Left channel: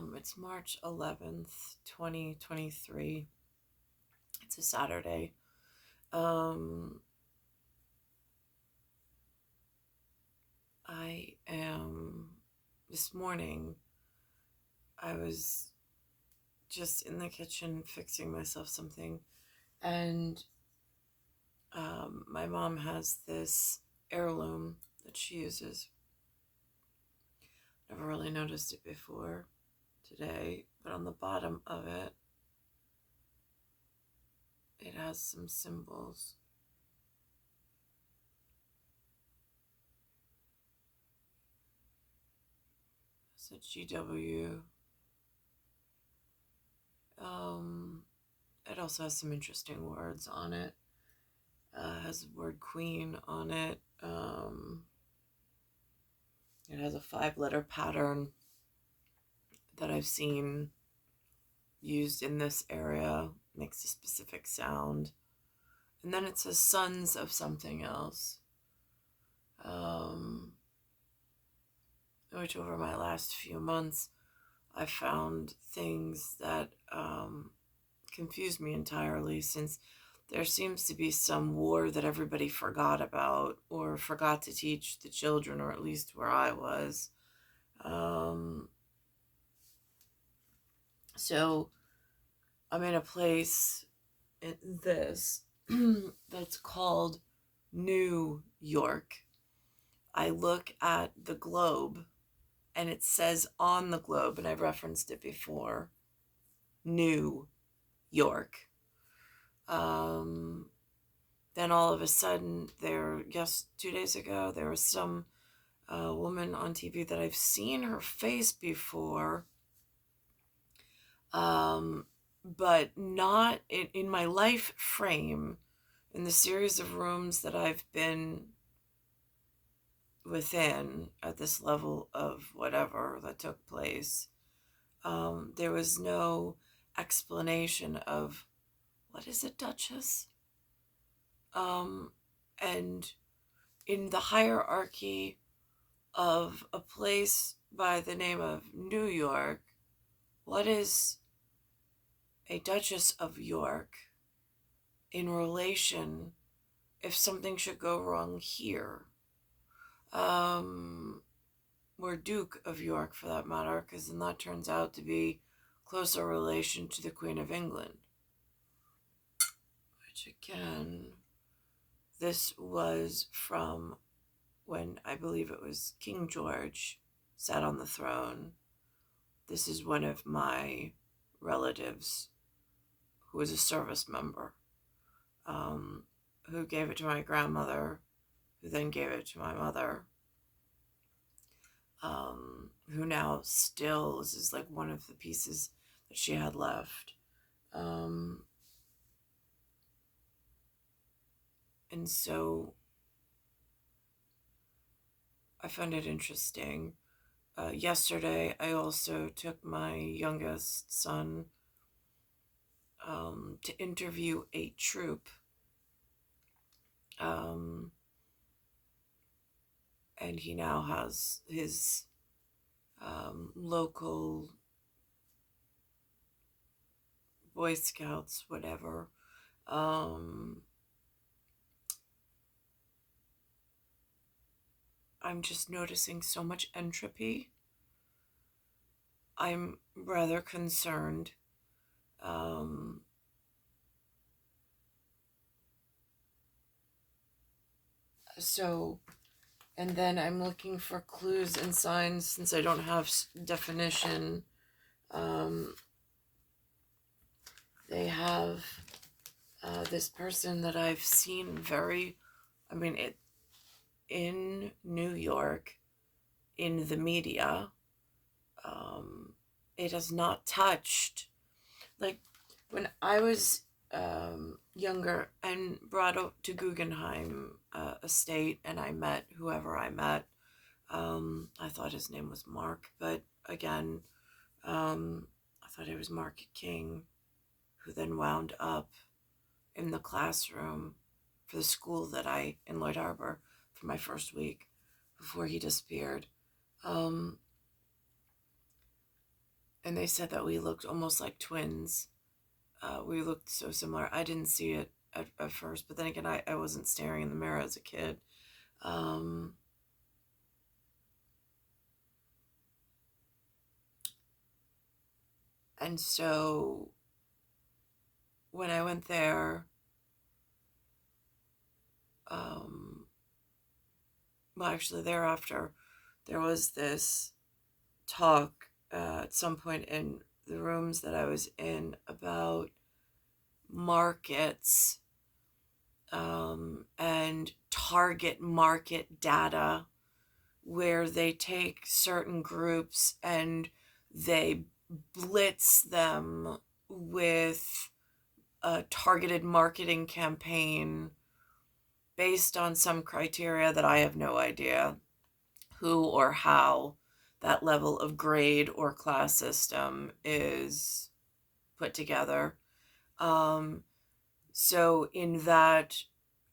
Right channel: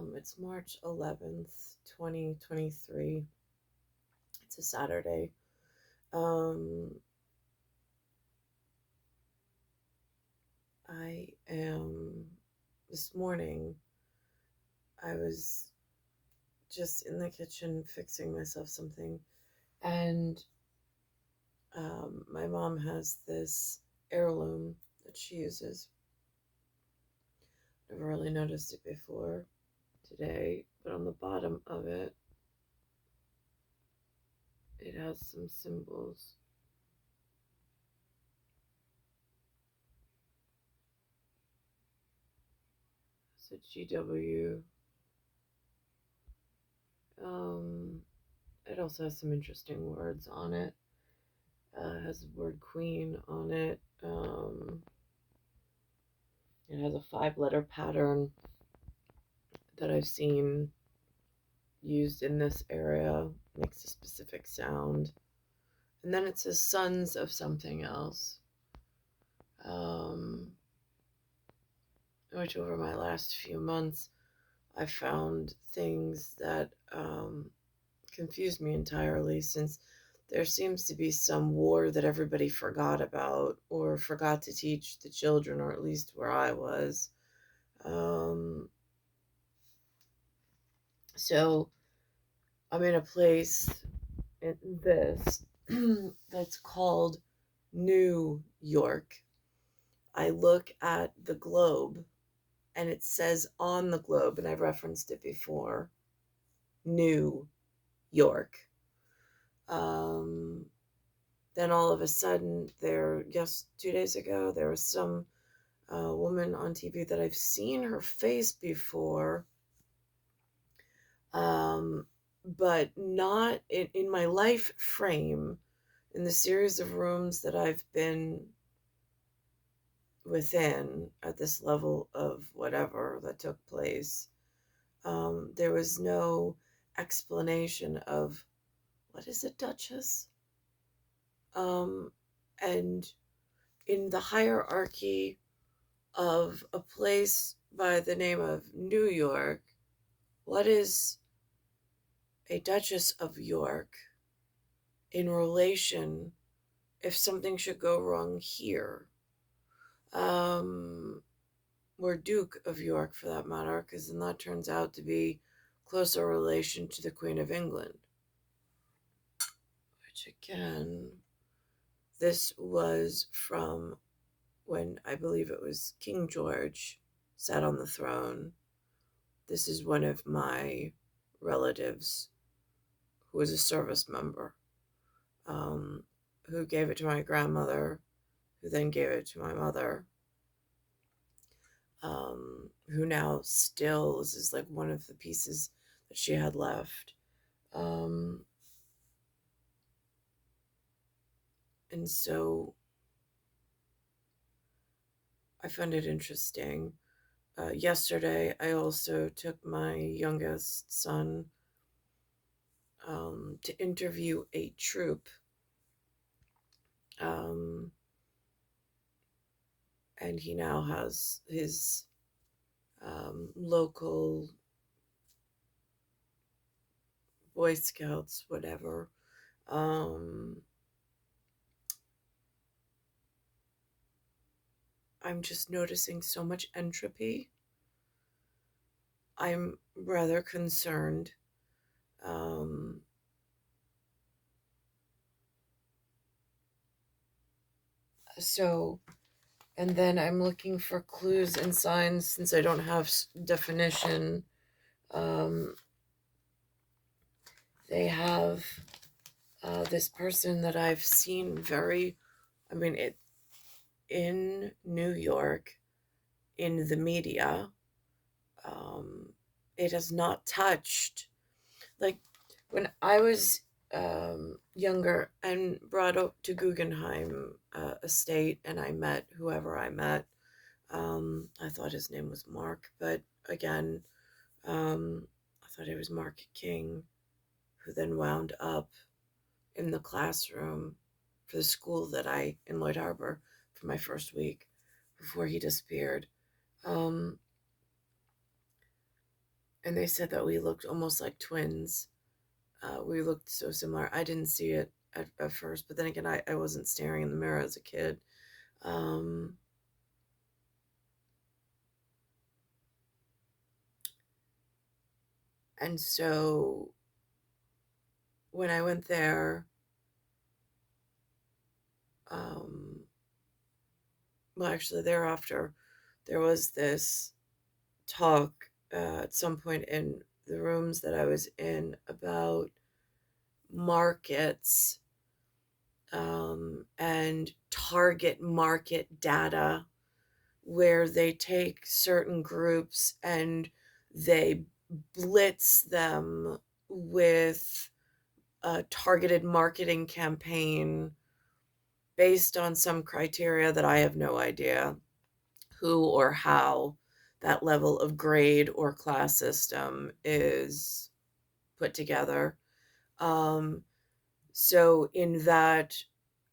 It's March 11th, 2023. It's a Saturday. Um, this morning, I was just in the kitchen fixing myself something, and my mom has this heirloom that she uses. Never really noticed it before today, but on the bottom of it, it has some symbols. It's a GW. It also has some interesting words on it. It has the word queen on it. It has a 5-letter pattern that I've seen used in this area. Makes a specific sound. And then it says sons of something else. Which over my last few months, I found things that confused me entirely, since there seems to be some war that everybody forgot about or forgot to teach the children, or at least where I was. So I'm in a place in this that's called New York. I look at the globe and it says on the globe, and I've referenced it before, New York. Then all of a sudden, 2 days ago, there was some woman on TV that I've seen her face before, but not in my life frame, in the series of rooms that I've been within at this level of whatever that took place. There was no explanation of what is a duchess. And in the hierarchy of a place by the name of New York, what is a Duchess of York in relation if something should go wrong here? Or Duke of York, for that matter, because then that turns out to be closer relation to the Queen of England. Which, again, this was from when I believe it was King George sat on the throne. This is one of my relatives who was a service member, who gave it to my grandmother, who then gave it to my mother, who now still, this is like one of the pieces that she had left. And so I find it interesting. Yesterday, I also took my youngest son to interview a troupe. And he now has his local Boy Scouts, whatever. I'm just noticing so much entropy. I'm rather concerned. And then I'm looking for clues and signs, since I don't have definition. They have this person that I've seen in New York, in the media. It has not touched, like when I was younger and brought up to Guggenheim estate, and I met whoever I met. I thought his name was Mark, but again, I thought it was Mark King, who then wound up in the classroom for the school that in Lloyd Harbor, for my first week before he disappeared. and they said that we looked almost like twins. We looked so similar. I didn't see it at first, but then again, I wasn't staring in the mirror as a kid. Um, and so when I went there, um, well, actually, thereafter, there was this talk at some point in the rooms that I was in about markets, and target market data, where they take certain groups and they blitz them with a targeted marketing campaign based on some criteria that I have no idea who or how that level of grade or class system is put together. Um, so, in that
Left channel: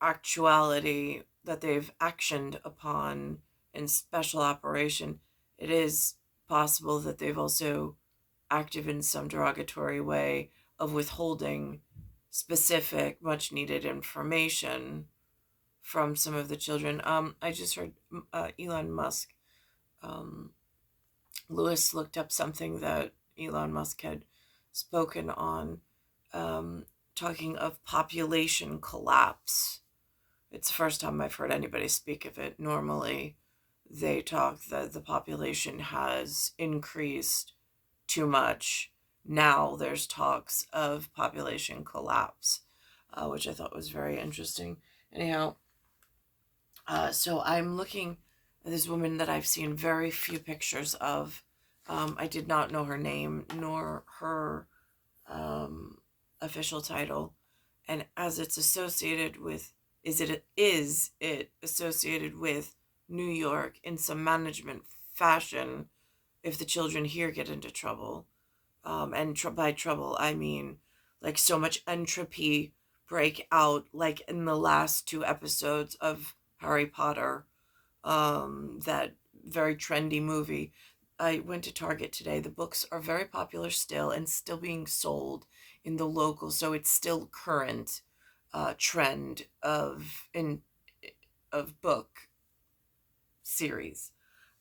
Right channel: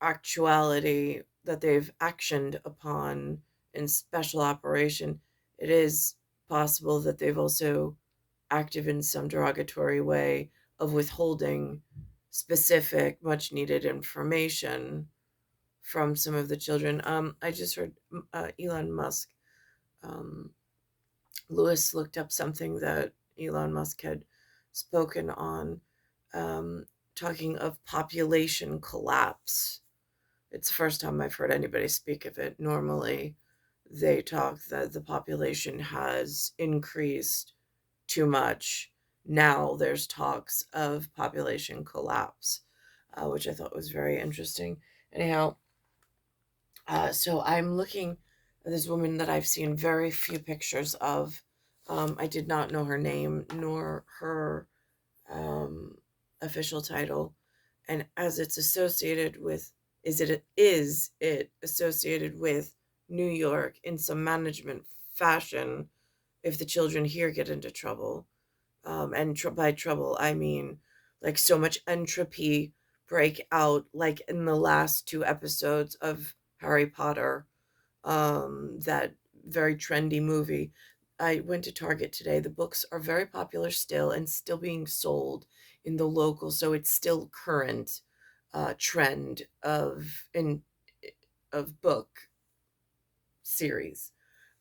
actuality that they've actioned upon in special operation, it is possible that they've also acted in some derogatory way of withholding specific, much needed information from some of the children. I just heard Elon Musk. Um, Lewis looked up something that Elon Musk had spoken on, um, talking of population collapse. It's the first time I've heard anybody speak of it. Normally, they talk that the population has increased too much. Now there's talks of population collapse, which I thought was very interesting. Anyhow, so I'm looking at this woman that I've seen very few pictures of. I did not know her name nor her um, official title, and as it's associated with, is it associated with New York in some management fashion? If the children here get into trouble, and by trouble I mean like so much entropy break out, like in the last two episodes of Harry Potter, that very trendy movie. I went to Target today. The books are very popular still and still being sold in the local, so it's still current trend of book series.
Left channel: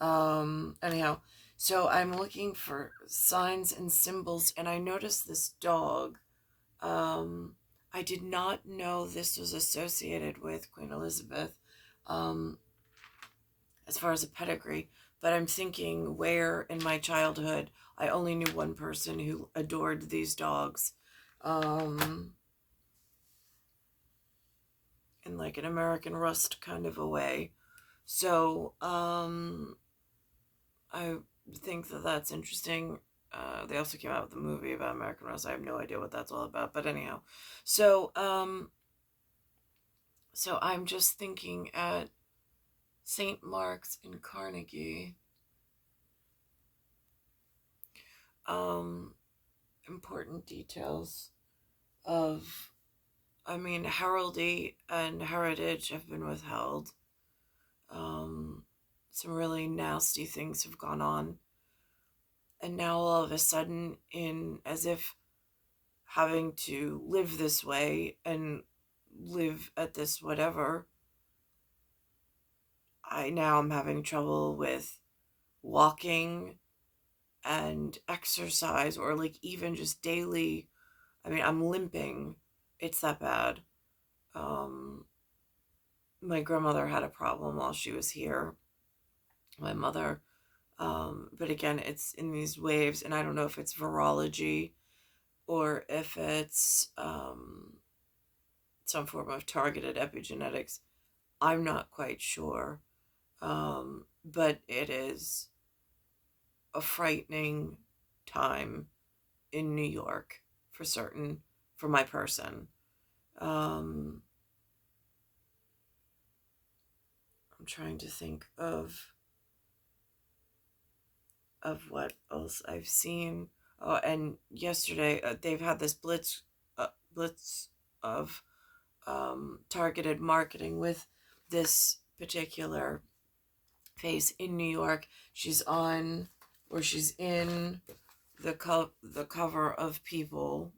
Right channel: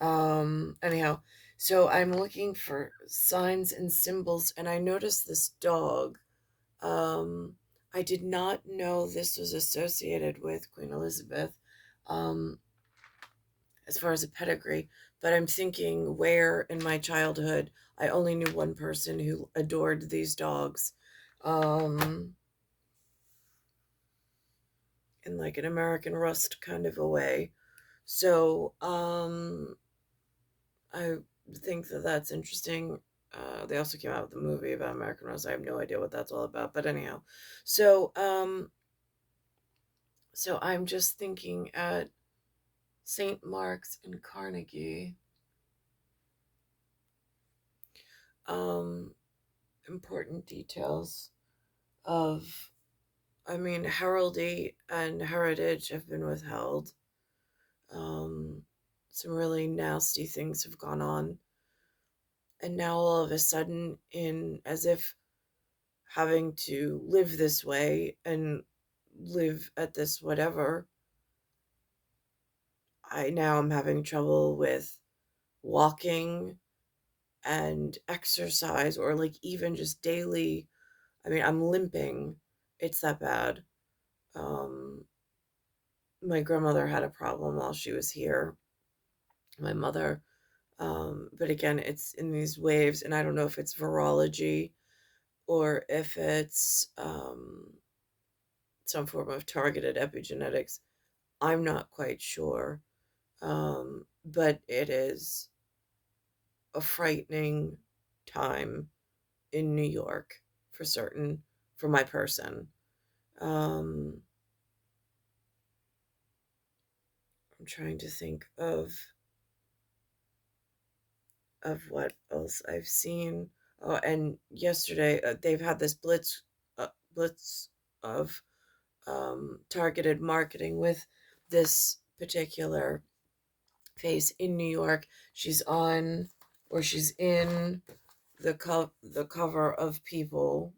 Anyhow, so I'm looking for signs and symbols, and I noticed this dog. Um, I did not know this was associated with Queen Elizabeth. Um, as far as a pedigree, but I'm thinking where in my childhood I only knew one person who adored these dogs, um, in like an American Rust kind of a way. So I think that that's interesting. They also came out with a movie about American Rust. I have no idea what that's all about, but anyhow, so so I'm just thinking at St. Mark's in Carnegie. Um, Important details of, I mean, heraldry and heritage have been withheld. Um, some really nasty things have gone on. And now all of a sudden, in as if having to live this way and live at this whatever, I now am having trouble with walking and exercise, or like even just daily. I mean, I'm limping. It's that bad. Um, my grandmother had a problem while she was here. My mother, but again, it's in these waves, and I don't know if it's virology or if it's some form of targeted epigenetics. I'm not quite sure, but it is a frightening time in New York for certain for my person. Um, I'm trying to think of what else I've seen. Oh, and yesterday they've had this blitz of targeted marketing with this particular face in New York. She's on, or she's in the cover of People.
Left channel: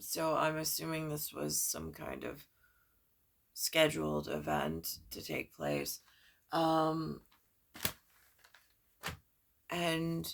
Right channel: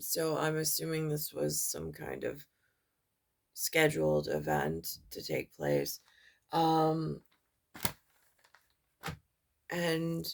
So I'm assuming this was some kind of scheduled event to take place. Um, and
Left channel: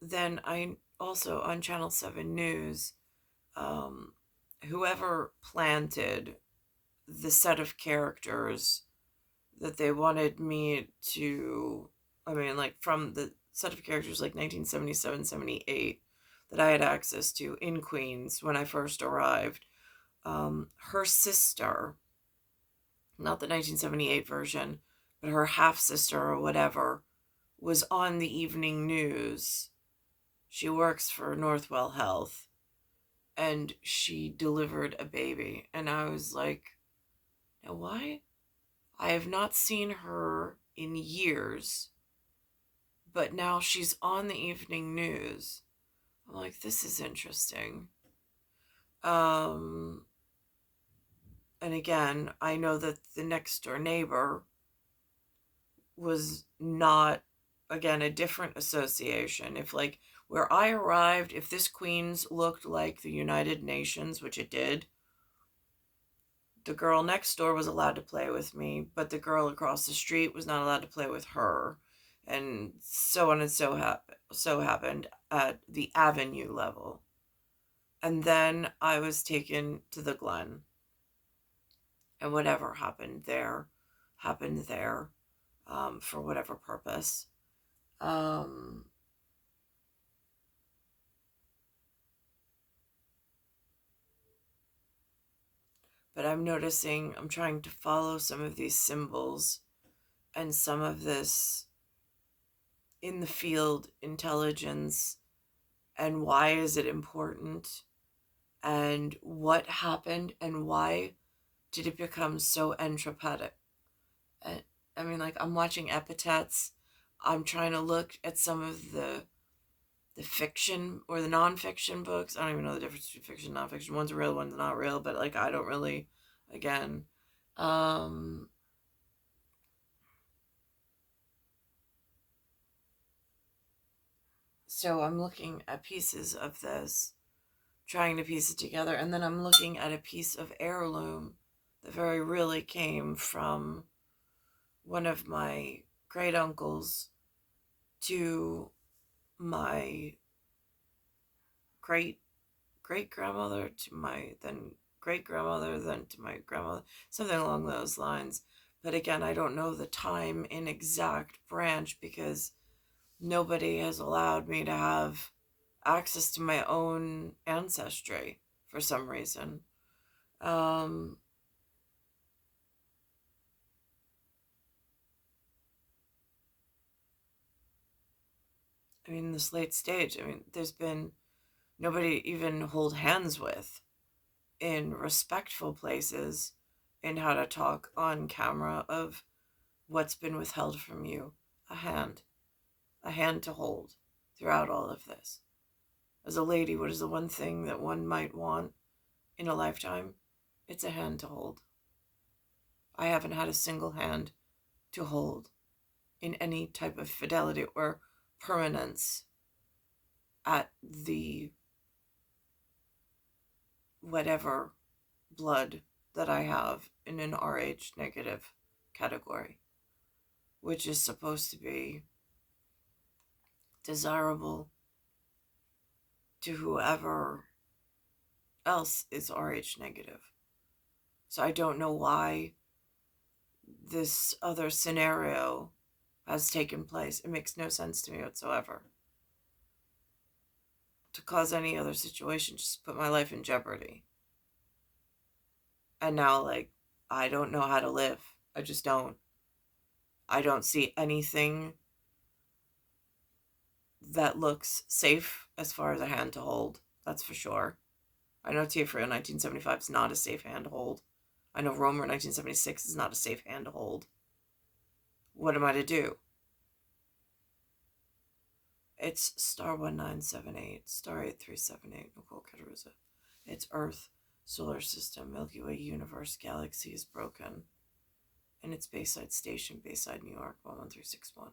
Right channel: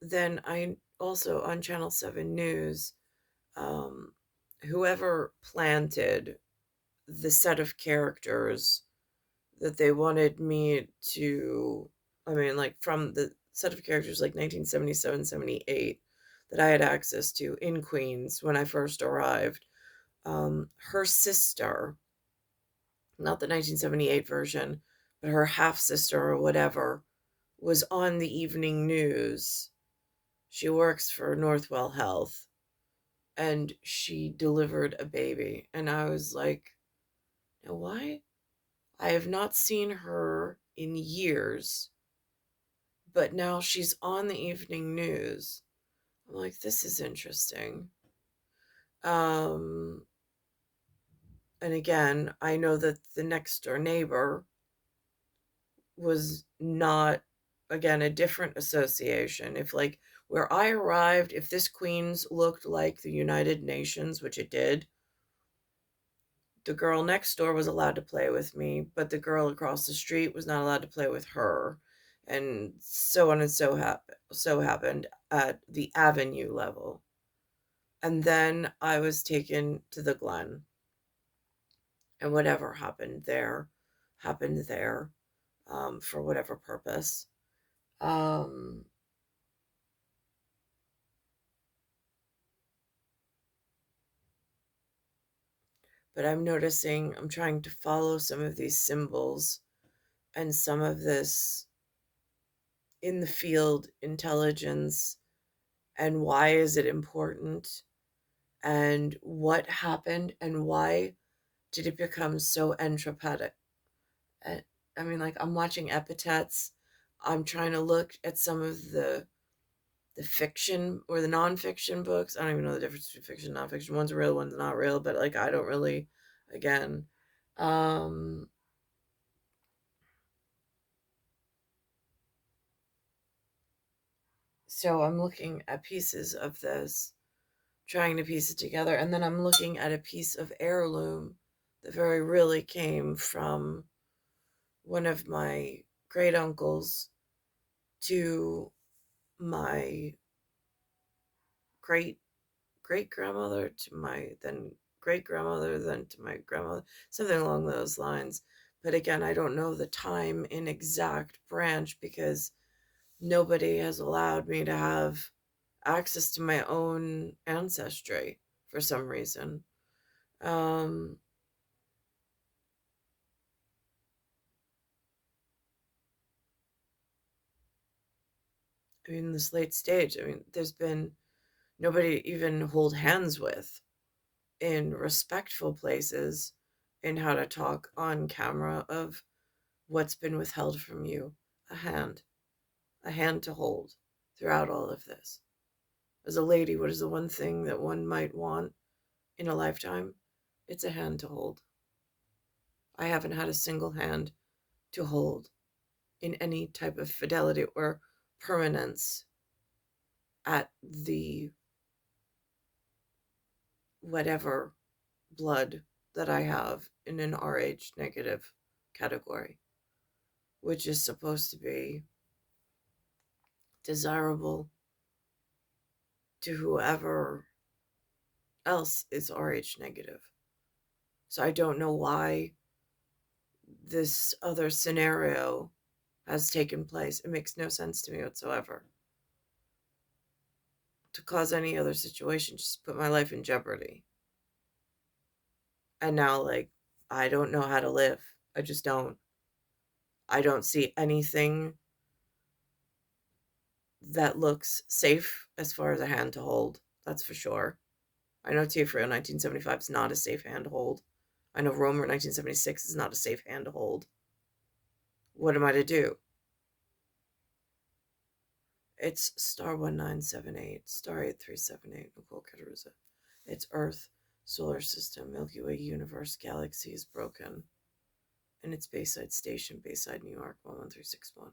then I also on Channel 7 News, um, whoever planted the set of characters that they wanted me to, I mean, like from the set of characters like 1977, 78 that I had access to in Queens when I first arrived. Her sister, not the 1978 version, but her half sister or whatever, was on the evening news. She works for Northwell Health, and she delivered a baby. And I was like, now why? I have not seen her in years, but now she's on the evening news. I'm like, this is interesting. Um, and again, I know that the next door neighbor was not, again, a different association. If, like, where I arrived, if this Queens looked like the United Nations, which it did, the girl next door was allowed to play with me, but the girl across the street was not allowed to play with her. And so on and so happened at the Avenue level. And then I was taken to the Glen. And whatever happened there, for whatever purpose. Um, but I'm noticing, I'm trying to follow some of these symbols and some of this in the field intelligence, and why is it important, and what happened, and why did it become so entropic. Uh, I mean, like, I'm watching epithets. I'm trying to look at some of the fiction or the nonfiction books. I don't even know the difference between fiction and nonfiction. One's real, one's not real, but like I don't really, again. Um, so I'm looking at pieces of this, trying to piece it together, and then I'm looking at a piece of heirloom that very really came from one of my great uncles to my great great grandmother to my then great grandmother, then to my grandmother, something along those lines. But again, I don't know the time in exact branch because nobody has allowed me to have access to my own ancestry for some reason. Um, I mean, this late stage, I mean, there's been nobody to even hold hands with in respectful places in how to talk on camera of what's been withheld from you. A hand. A hand to hold throughout all of this. As a lady, what is the one thing that one might want in a lifetime? It's a hand to hold. I haven't had a single hand to hold in any type of fidelity or permanence at the whatever blood that I have in an RH negative category, which is supposed to be desirable to whoever else is RH negative. So I don't know why this other scenario has taken place. It makes no sense to me whatsoever. To cause any other situation, just put my life in jeopardy. And now, like, I don't know how to live. I just don't. I don't see anything that looks safe as far as a hand to hold. That's for sure. I know Tiafrio 1975 is not a safe hand to hold. I know Romer 1976 is not a safe hand to hold. What am I to do? It's star 1978, star 8378, Nicole Cattaruzza. It's Earth, solar system, Milky Way universe, galaxy is broken. And it's Bayside Station, Bayside, New York, 11361.